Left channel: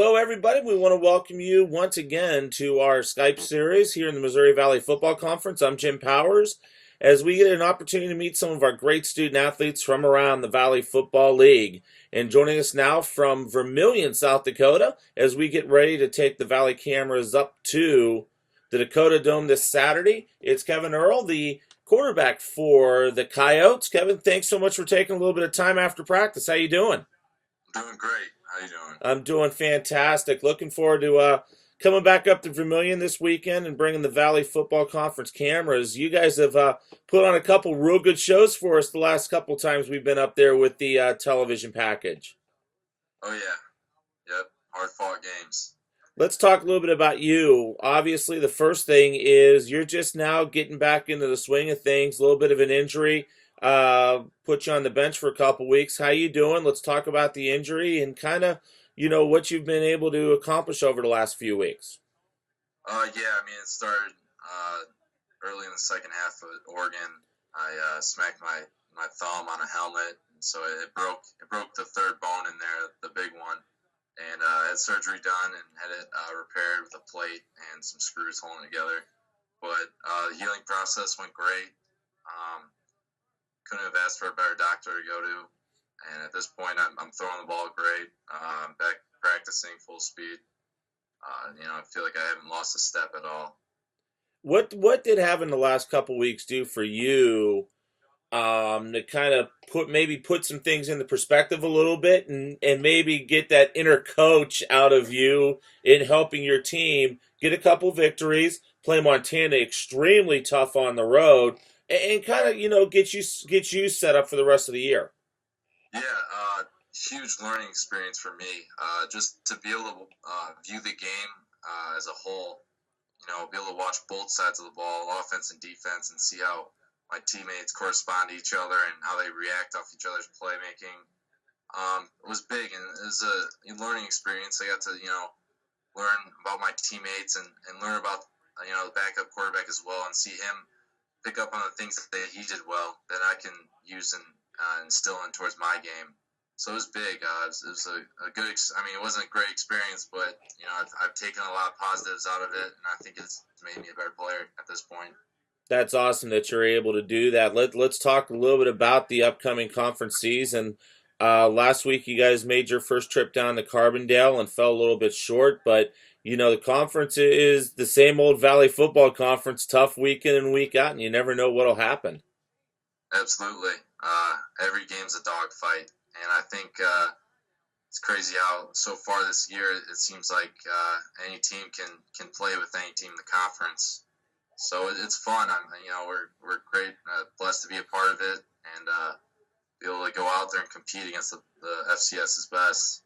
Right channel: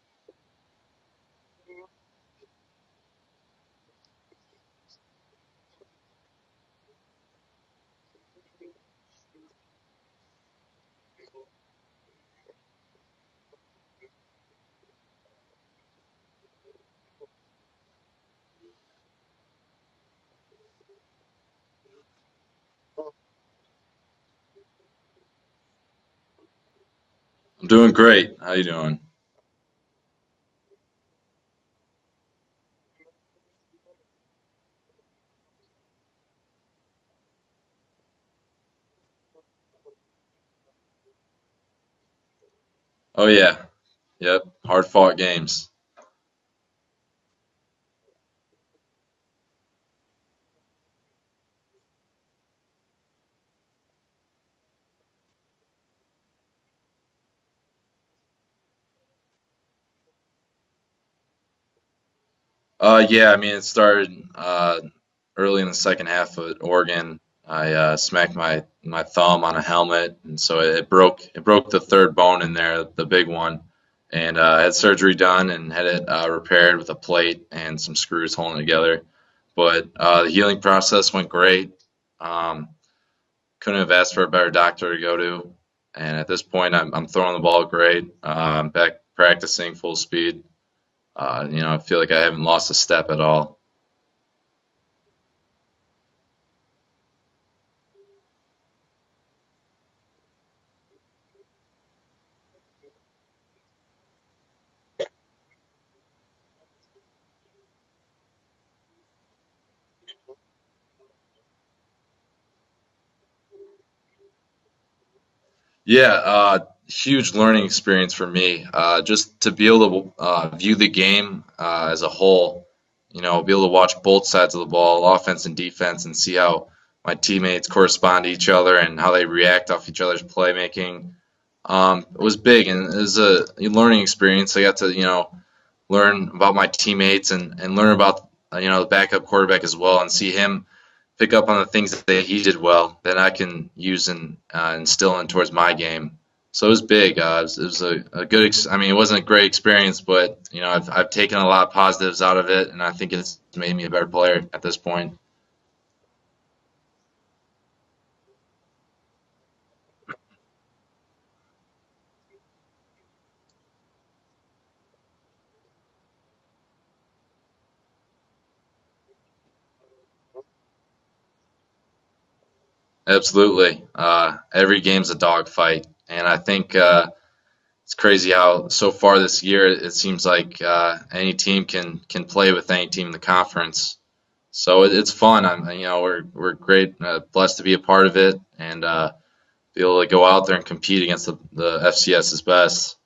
Hello, everybody. We want to welcome you once again to our Skype series here in the Missouri Valley Football Conference. I'm Jim Powers. As we get an opportunity to meet some of our great student athletes from around the Valley Football League. And joining us now from Vermillion, South Dakota, as we get ready to take the Valley cameras up to the Dakota Dome this Saturday, it's Kevin Earl, the quarterback for the Coyotes. Kevin, thanks so much for taking a little bit of time after practice. How you doing? I'm doing great. How you doing? I'm doing fantastic. Looking forward to coming back up to Vermillion this weekend and bringing the Valley Football Conference cameras. You guys have put on a couple real good shows for us the last couple times we've been up there with the television package. Oh yeah, yep. Hard fought games. Let's talk a little bit about you. Obviously, the first thing is you're just now getting back into the swing of things. A little bit of an injury put you on the bench for a couple weeks. How you doing? Let's talk about the injury and kind of what you've been able to accomplish over the last few weeks. Yeah. I mean, it started early in the second half at Oregon. I smacked my thumb on a helmet, and so it broke the third bone in there, the big one, and I had surgery done and had it repaired with a plate and some screws holding it together. But the healing process went great. Um, couldn't have asked for a better doctor to go to. And at this point, I'm throwing the ball great. I'm back practicing full speed. I feel like I haven't lost a step at all. What did having the last couple weeks do for you to kind of put some things into perspective a little bit and maybe get that inner coach out of you in helping your team get a couple victories, play Montana extremely tough on the road, and kind of get you set up for the rest of the year. Yeah, huge learning experience for me. Just to be able to view the game as a whole, be able to watch both sides of the ball, offense and defense, and see how my teammates correspond to each other and how they react off each other's playmaking. It was big, and it was a learning experience. I got to, learn about my teammates and learn about, the backup quarterback as well, and see him pick up on the things that he did well that I can use and instill in towards my game. So it was big. It was a good. I mean, it wasn't a great experience, but I've taken a lot of positives out of it, and I think it's made me a better player at this point. That's awesome that you're able to do that. Let's talk a little bit about the upcoming conference season. Last week, you guys made your first trip down to Carbondale and fell a little bit short, but the conference is the same old Valley Football Conference, tough week in and week out, and you never know what'll happen. Absolutely. Every game's a dogfight, and I think it's crazy how so far this year it seems like any team can play with any team in the conference. So it's fun. We're great, blessed to be a part of it, and be able to go out there and compete against the FCS's best.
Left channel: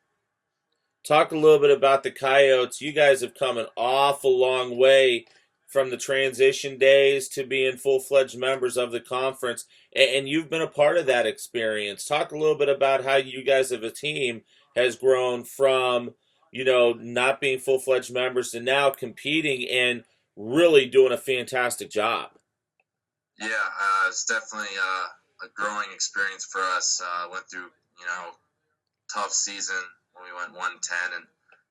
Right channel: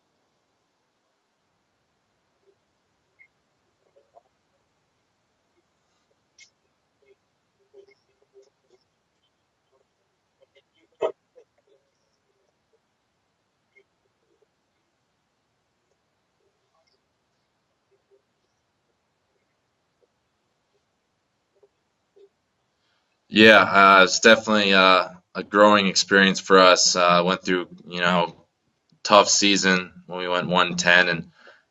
Talk a little bit about the Coyotes. You guys have come an awful long way from the transition days to being full-fledged members of the conference, and you've been a part of that experience. Talk a little bit about how you guys as a team has grown from, not being full-fledged members to now competing and really doing a fantastic job. Yeah, it's definitely a growing experience for us. Went through, tough season when we went 1-10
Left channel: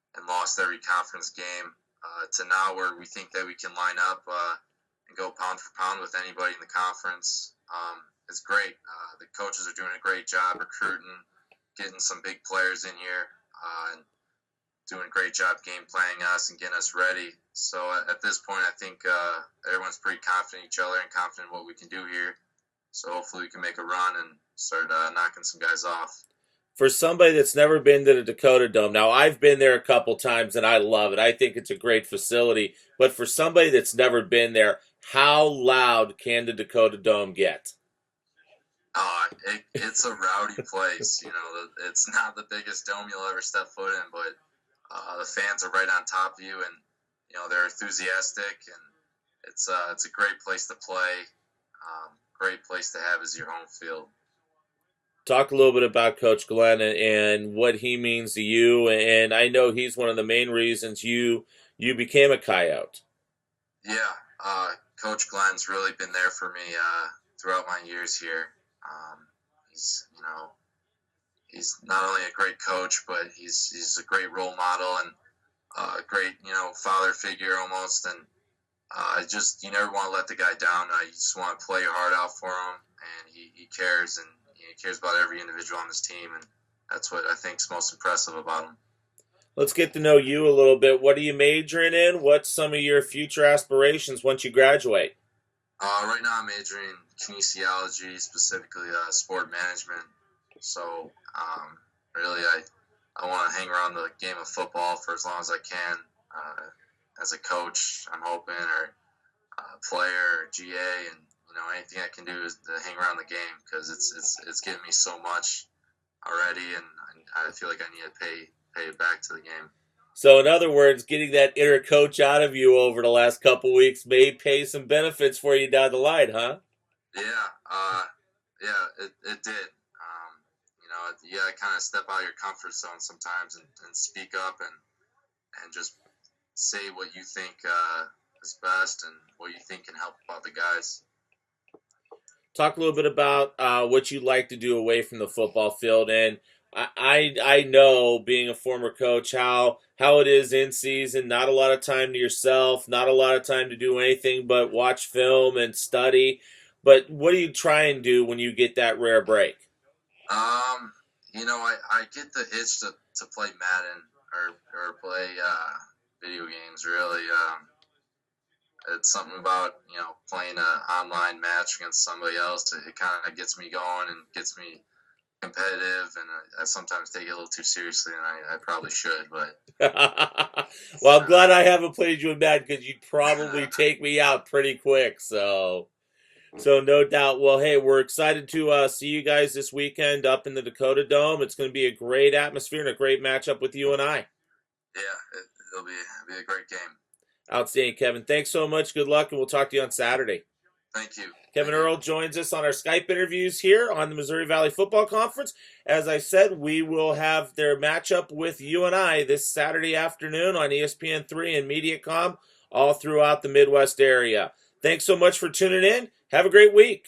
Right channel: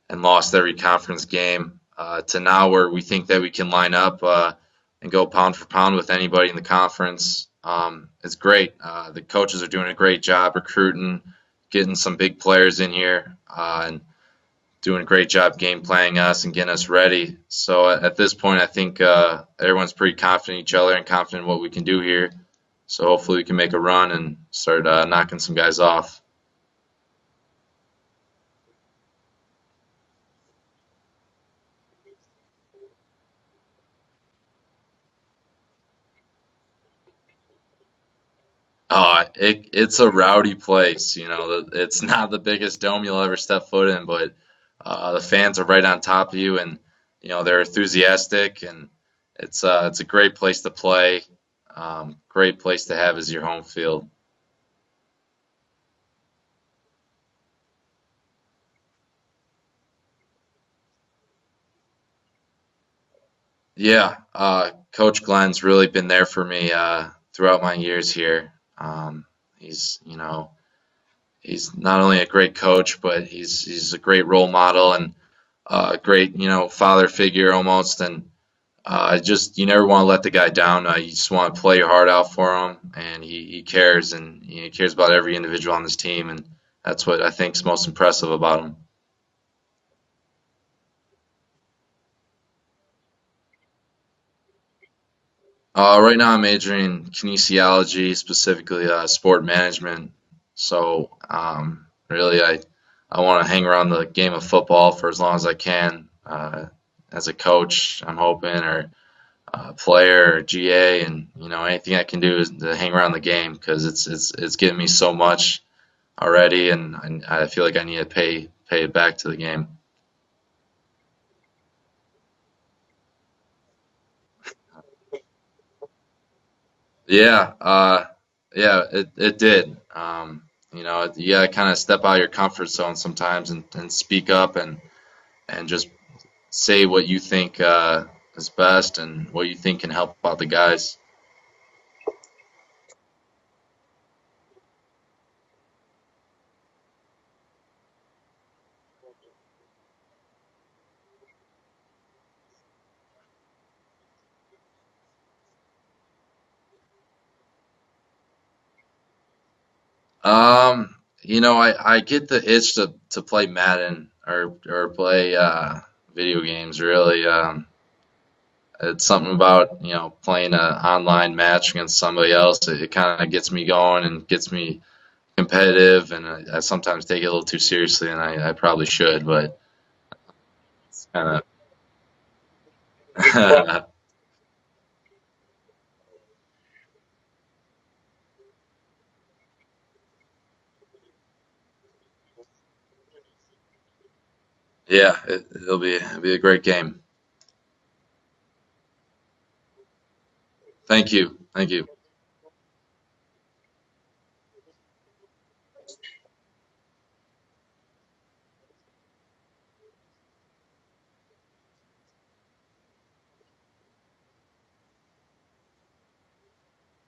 and lost every conference game to now where we think that we can line up and go pound for pound with anybody in the conference. It's great. The coaches are doing a great job recruiting, getting some big players in here, and doing a great job game planning us and getting us ready. So at this point, I think everyone's pretty confident in each other and confident in what we can do here. So hopefully we can make a run and start knocking some guys off. For somebody that's never been to the Dakota Dome, now I've been there a couple times and I love it. I think it's a great facility. But for somebody that's never been there, how loud can the Dakota Dome get? It's a rowdy place. It's not the biggest dome you'll ever step foot in, but the fans are right on top of you, and they're enthusiastic, and it's a great place to play. Great place to have as your home field. Talk a little bit about Coach Glenn and what he means to you. And I know he's one of the main reasons you became a Coyote. Yeah, Coach Glenn's really been there for me throughout my years here. He's he's not only a great coach, but he's a great role model and a great, father figure almost. And just you never want to let the guy down. You just want to play your heart out for him, and he cares, and he cares about every individual on his team, and that's what I think is most impressive about him. Let's get to know you a little bit. What are you majoring in? What's some of your future aspirations once you graduate? Right now, I'm majoring in kinesiology, specifically sport management. So, really, I want to hang around the game of football for as long as I can. As a coach, I'm hoping, or player, or GA, and anything I can do is to hang around the game because it's given me so much already, and I feel like I need to pay it back to the game. So, in other words, getting that inner coach out of you over the last couple weeks may pay some benefits for you down the line, huh? Yeah, yeah, it did. You gotta kind of step out of your comfort zone sometimes and speak up and just say what you think is best and what you think can help out the guys. Talk a little bit about what you like to do away from the football field. And I know, being a former coach, how it is in season. Not a lot of time to yourself. Not a lot of time to do anything but watch film and study. But what do you try and do when you get that rare break? I get the itch to play Madden or play video games really. It's something about, playing an online match against somebody else. It kind of gets me going and gets me competitive, and I sometimes take it a little too seriously, and I probably should, but it's Well, I'm kind glad I haven't played you in Madden because you'd probably of. take me out pretty quick. So no doubt. Well, hey, we're excited to see you guys this weekend up in the Dakota Dome. It's going to be a great atmosphere and a great matchup with you and I. Yeah, it'll be a great game. Outstanding, Kevin. Thanks so much. Good luck, and we'll talk to you on Saturday. Thank you. Thank Kevin you. Earl joins us on our Skype interviews here on the Missouri Valley Football Conference. As I said, we will have their matchup with you and I this Saturday afternoon on ESPN3 and MediaCom all throughout the Midwest area. Thanks so much for tuning in. Have a great week.